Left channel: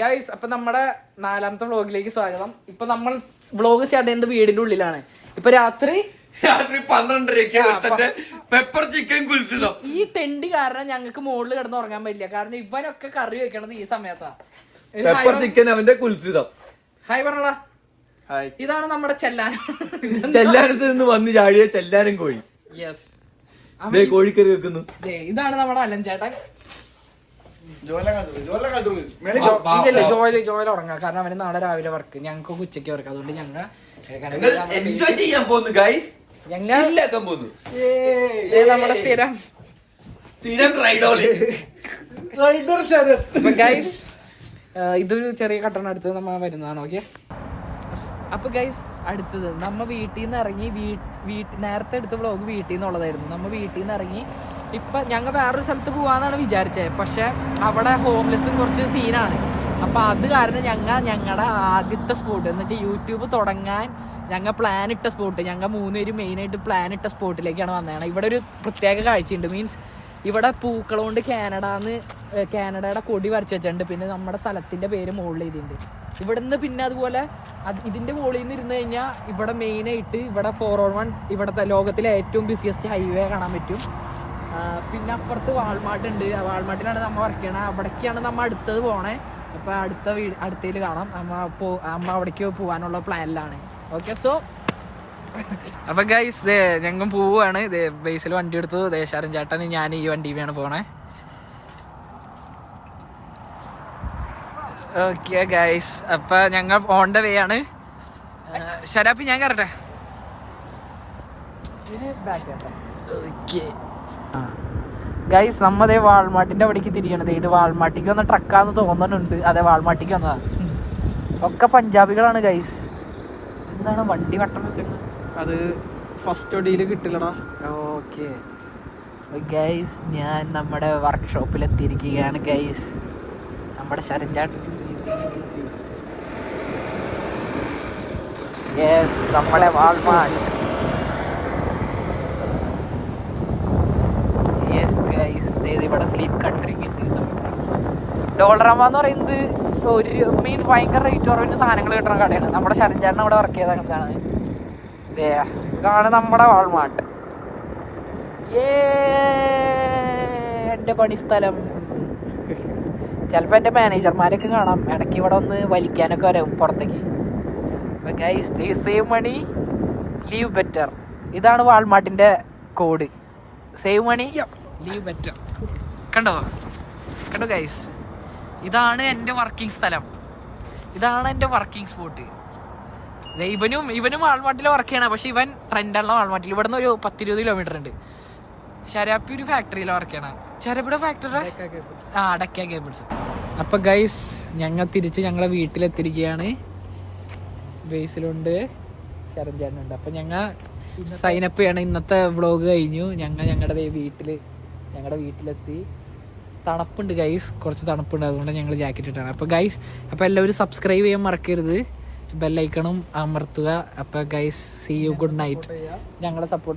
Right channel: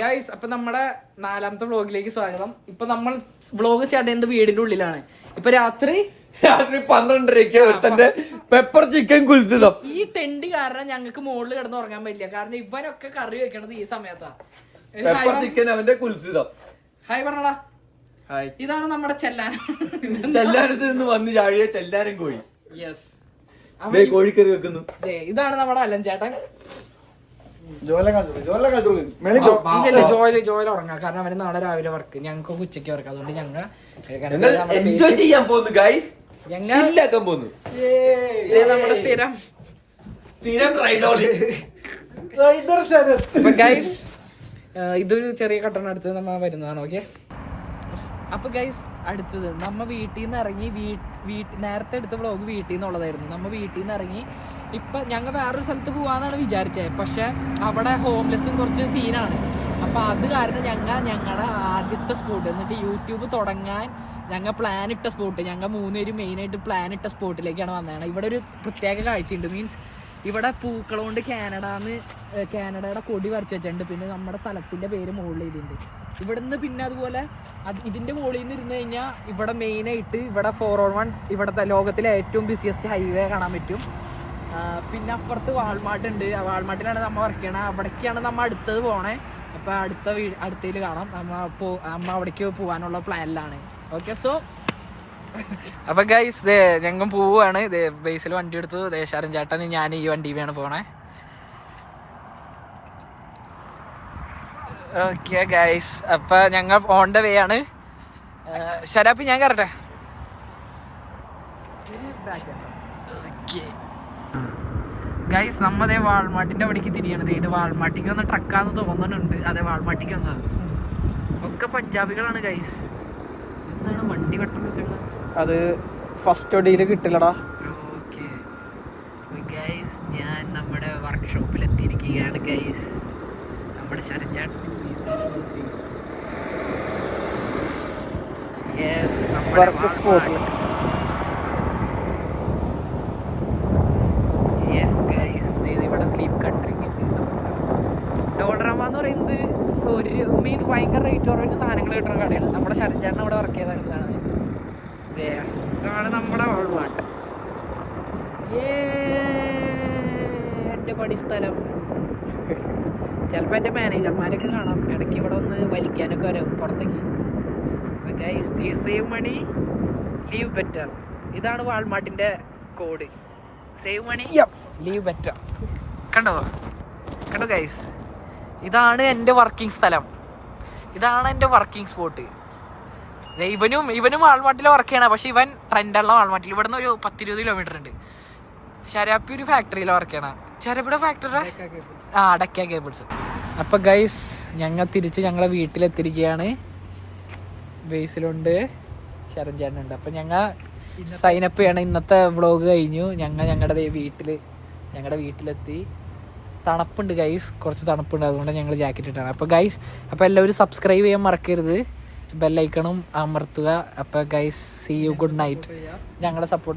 Guys അപ്പൊ നമ്മുടെ 4ാമത്തെ വ്ളോഗിലേക്ക് സ്വാഗതം. ഇപ്പൊ നമ്മൾ വ്ളോഗ് സ്റ്റാർട്ട് ചെയ്യുന്നത് വീടിന്റെ ഉള്ളിലാണ്. ഇപ്പൊ രാത്രി 12:30 പെപ്പർ ചിക്കൻ കുൽസിതം. ഈ തെണ്ടി കാരണം ഞങ്ങൾക്ക് മുകളിൽ കിടന്ന് ഉറങ്ങാൻ പറ്റില്ല. കാരണം ഇവനൊക്കെ കറി വെക്കണത് ഈ സമയത്താ. പെപ്പർ ചിക്കൻ അവന്റെ കുൽസിതം. ഹായ് പറഞ്ഞടാ. ഇതാണ് നമ്മുടെ ചെല്ലാനത്ത് നിന്ന് വന്ന് ചാടിയ ചെല്ലാനും കോഴി. യെസ്, കോഴിക്കറി വെക്കുന്നു. ഇതാണ് നമ്മുടെ അലൻ ചേട്ടൻ. ഇല്ലല്ലേ ജോയിൽ ഉറങ്ങാം. കാരണം അവന് നാളെ രാവിലെ വർക്ക്, ഞങ്ങൾക്ക് ഉച്ചയ്ക്ക് വർക്ക്. അതുകൊണ്ട് ഞങ്ങൾ ചെയ്യാൻ പോകുന്നു ഗൈസ്. നമ്മുടെ സ്ഥിരം ഗൈസ് ഇതൊരു ചെറിയ കട്ടണം അടുത്ത് നമ്മ വരുന്നതാണ്. ഓക്കെ, അപ്പൊ ഗൈസ് അടുത്തത് നമ്മ വീട്ടിൽ നിന്ന് ഇറങ്ങി. നേരത്തെ എടുത്ത വ്ളോഗ് വീട്ടിൽ നിന്നുള്ളതായിരുന്നു. നമ്മ വീട്ടിൽ നിന്ന് ഇറങ്ങി. ഇപ്പൊ ഞങ്ങൾ വേറൊരു സ്ഥലത്ത് പോവാന്നാണ് വിചാരിച്ചത്. പക്ഷെ അവിടെ ഹോംലെസ്സും കുറച്ച് സീനാണ്. അപ്പൊ അത് കാരണം ഞങ്ങളുടെ ആദ്യത്തെ സ്പോട്ട് എന്ന് വെച്ചാൽ യൂട്യൂബ് തുടങ്ങാൻ ഞങ്ങൾ പ്ലാൻ ഇട്ട സ്പോട്ട്, ഞങ്ങൾ 3 പേരും മെയിനായിട്ട് പ്ലാൻ ഇട്ട സ്പോട്ടിലേക്കാണ് വന്നതാണ്. ഇവിടെ ഒരു പ്രത്യേക കാഴ്ചയുണ്ട്. മീൻസ് ഇവിടെ പൂക്കൾ കൊണ്ട് കാനഡയുടെ കൊടി വരച്ച് വെച്ചിട്ടുണ്ട്. പിന്നെ നമ്മുടെ സ്ഥലത്തിന്റെ പേര് മുകളിൽ ചെയ്തിട്ടുണ്ട്. ഇവിടുന്ന് പിന്നെ അതുപോലെ ഇതിന്റെ മുകളിൽ നിന്ന് ഇരുന്ന് കഴിഞ്ഞാൽ ഇവിടെ മെയിനായിട്ട് ഇവിടെ 401 ഇവിടുത്തെ ലോകത്തിലെ ഏറ്റവും ബിസിയസ്റ്റ് ഹൈവേ കാണാൻ പറ്റും. പിന്നെ അപ്പുറത്ത് വാൾമാർട്ട് ഉണ്ട്. വാൾമാർട്ടിലാണ് നമ്മൾ വർക്ക് ചെയ്യണത്. അവിടേക്കാണ് നമ്മൾ അടുത്തത് പോണേ. അപ്പം അടുത്തതിൽ കാണാം. അമ്മ അവിടേക്ക് പോകാനുള്ള പ്ലാനിലാണ്. ഓക്കെ, സോ അപ്പൊ ഗൈസ് ഞങ്ങൾ പോവാണ്. ബേസിൽ വണ്ടി എടുത്തു. ശരൺ ചേട്ടൻ ഞാൻ ഈ വണ്ടിയിലാണ് പോണേ. ഓക്കെ ഗൈസ്, അപ്പൊ ഞങ്ങൾ ഓൺ ദ വേ ആണ്. ശരാപ്പി ഞാൻ കയറട്ടെ. ഓക്കെ ഗൈസ്, നമ്മതേ വാൾമാർട്ടിന്റെ അവിടേക്ക് തിരിയണത്. ഇത് വാൾമാർട്ടിക്ക് വന്ന ട്രക്കാന്ന് തോന്നുന്നുണ്ട്. അതെ, വാൾമാർട്ടിക്ക് വന്നതാ. ഒക്കെ പഞ്ചാബികളാണ് ഗൈസ്. എന്താണ് വണ്ടി വട്ടം വെക്കുന്നത്? അത് ഫസ്റ്റ് ഒടിയിൽ കിട്ടില്ലടാ. ഓക്കെ ഗൈസ്, ഞാൻ നമ്മുടെ വർക്ക്ഷോപ്പിൽ എത്തിയിരിക്കുകയാണ് ഗൈസ്. നമ്മുടെ ശരൺചാൻ. യെസ്, നമ്മുടെ വാൾമാർട്ട്. യെസ് ഗൈസ്, ഇവിടെ സ്ലീപ്പ് കൺട്രിങ് ഡോളറാമ എന്ന് പറയുന്നത് ഒരു മീൻസ് ഭയങ്കര റേറ്റ് കുറവിന് സാധനങ്ങൾ കിട്ടുന്ന കടയാണ്. നമ്മുടെ ശരൺചാട്ടൻ അവിടെ വർക്ക് ചെയ്താണ്. ഇതാണ് നമ്മുടെ വാൾമാർട്ട്. എൻ്റെ പണിസ്ഥലം. ചിലപ്പോൾ എൻ്റെ മാനേജർമാരൊക്കെ കാണാം. ഇടയ്ക്ക് ഇവിടെ ഒന്ന് വലിക്കാനൊക്കെ വരും പുറത്തേക്ക്. Save money live better. ഇതാണ് വാൾമാർട്ടിൻ്റെ code. Save money live better. കണ്ടോ ഗൈസ്, ഇതാണ് എൻ്റെ വർക്കിംഗ് സ്ഥലം. ഇതാണ് എൻ്റെ വർക്കിംഗ് സ്പോട്ട്. ഇവനും വാൾമാർട്ടിൽ വർക്ക് ചെയ്യണം. പക്ഷെ ഇവൻ ട്രെൻഡുള്ള വാൾമാർട്ടിൽ ഇവിടെ നിന്ന് ഒരു 10-20 കിലോമീറ്റർ ഉണ്ട്. ശരാപ്പി ഒരു ഫാക്ടറിയിൽ വർക്ക് ചെയ്യണം. ശരാപ്പിയുടെ ഫാക്ടറി ഡക്ക കേബിൾസ്. അപ്പൊ ഗൈസ്, ഞങ്ങളെ വീട്ടിലെത്തിരിക്കുകയാണ്. ബേസിലുണ്ട്, ശരൺ ചേട്ടനുണ്ട്. അപ്പൊ ഞങ്ങൾ സൈനപ്പ് ചെയ്യണം. ഇന്നത്തെ വ്ളോഗ് കഴിഞ്ഞു. ഞങ്ങളുടെ വീട്ടിലെത്തി. തണുപ്പുണ്ട് ഗൈസ്, കുറച്ച് തണുപ്പുണ്ട്. അതുകൊണ്ട് ഞങ്ങൾ ജാക്കറ്റ് ഇട്ടാണ്. അപ്പോൾ ഗൈസ്, അപ്പോൾ എല്ലാവരും സബ്സ്ക്രൈബ് ചെയ്യാൻ മറക്കരുത്. ബെല്ലൈക്കണും അമർത്തുക. അപ്പോൾ guys, see you, good night. ഞങ്ങളെ സപ്പോർട്ട്